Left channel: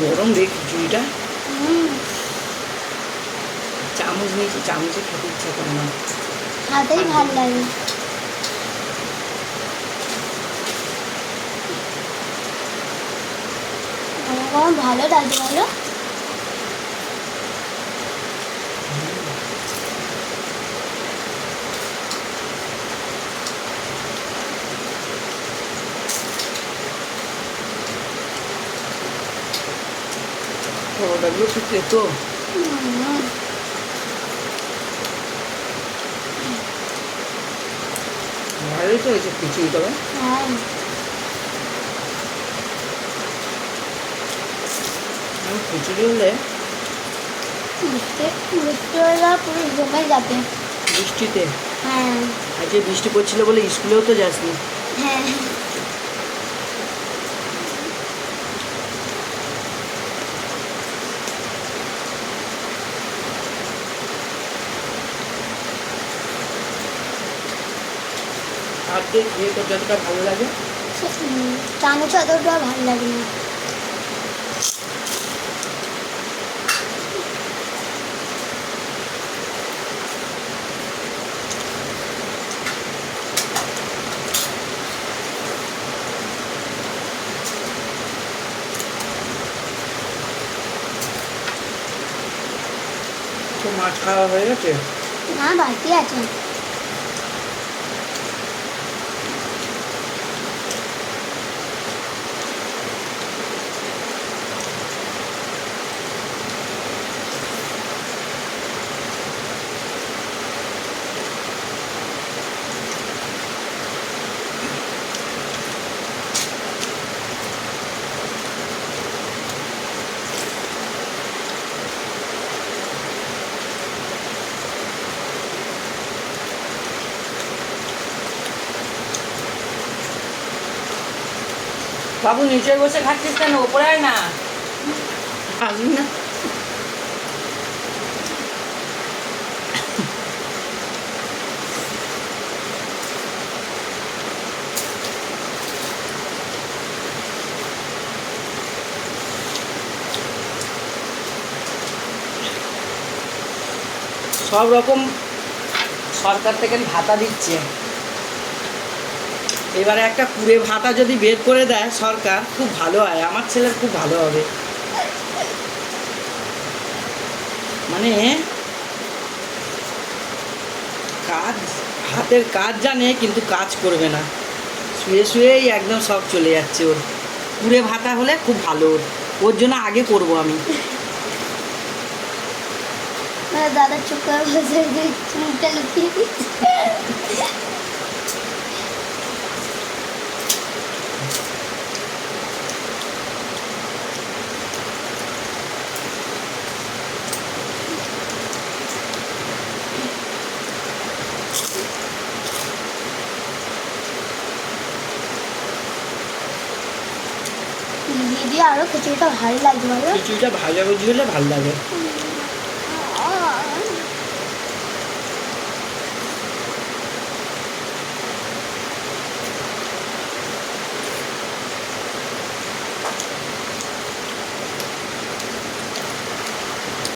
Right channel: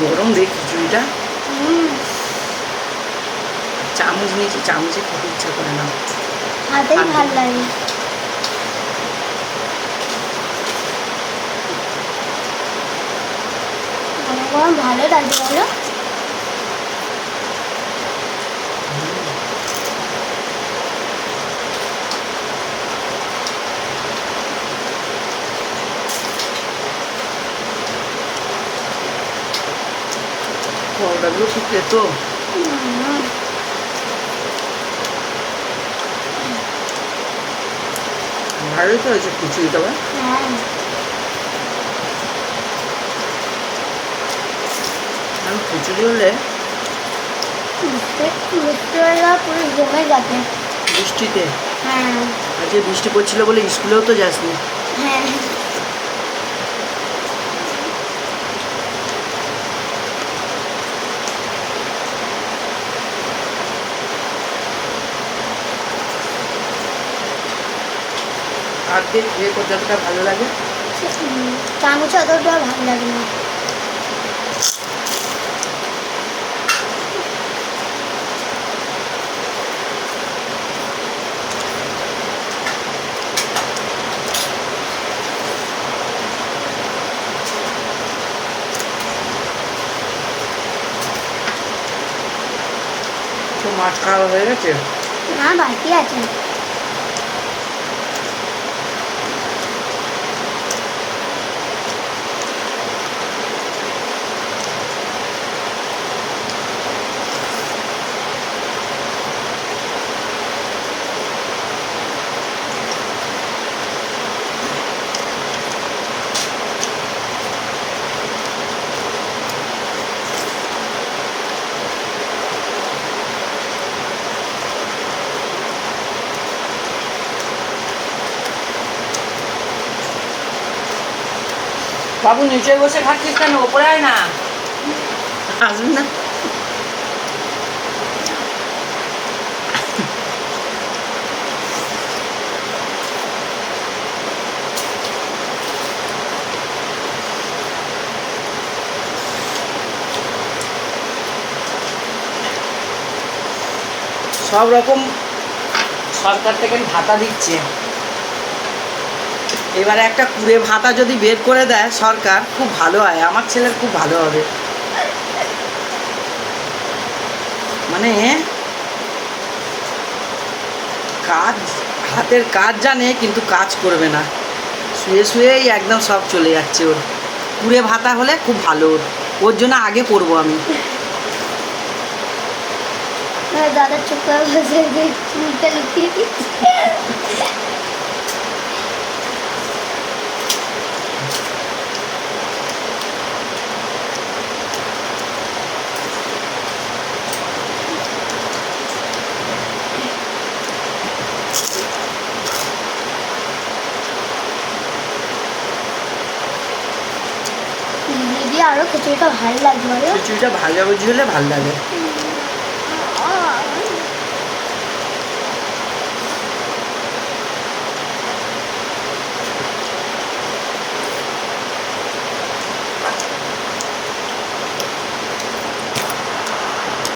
গরম রে খিচুড়িটা। হুম, চামচ নিয়েছি, চামচে খেতে ইচ্ছা করে না। হাতেই ভাল লাগে। গরম গরম ভালো লাগছে বলো। পরোটাগুলো খুব খেতো। হুম, ভালোই তো হয়েছে খিচুড়ি তবে। হ্যাঁ, আমি খিচুড়ি হলে মিষ্টি মিষ্টি হলে পুরো জমে যাবে। বৃষ্টিতে, হ্যাঁ, আজকে বৃষ্টি পড়ছিল বলে স্কুলেও তো যাসনি। হ্যাঁ, আর দেখ এ যতটা ভালো লাগে। চানাচুর অতটা ভালো লাগে না। তো মাছ খাওয়া হয়ে গেছে। না, বাকি আছে। বাবু নিচে বসে খাচ্ছিস কেন? ওপরে আয় না। আসবি না। সব রকম সরকার থেকে ভাতা দিচ্ছে। এবারে একটা কুড়ে ভাতা যদি বের করে দেয় সরকার, খুব ভালো হয়, আমার ছেলের খুব ভালো হবে। মানে কাজ, হাতের কাজ জানে কিন্তু কাজ করবে না, শুয়ে শুয়েই একদম সব চলে যাচ্ছে ওর। কুড়ে ভাতা হলে খুব ভালো ওর, ওর জন্য আগে করব আমি। দাদা চুপ করে বসে চুলটা লুকিয়ে দিচ্ছে। দিদি আরো খিচুড়িটা ভালো লাগবে বলো। খিচুড়িটা ভাজাভুজি হলে ভালো লাগে।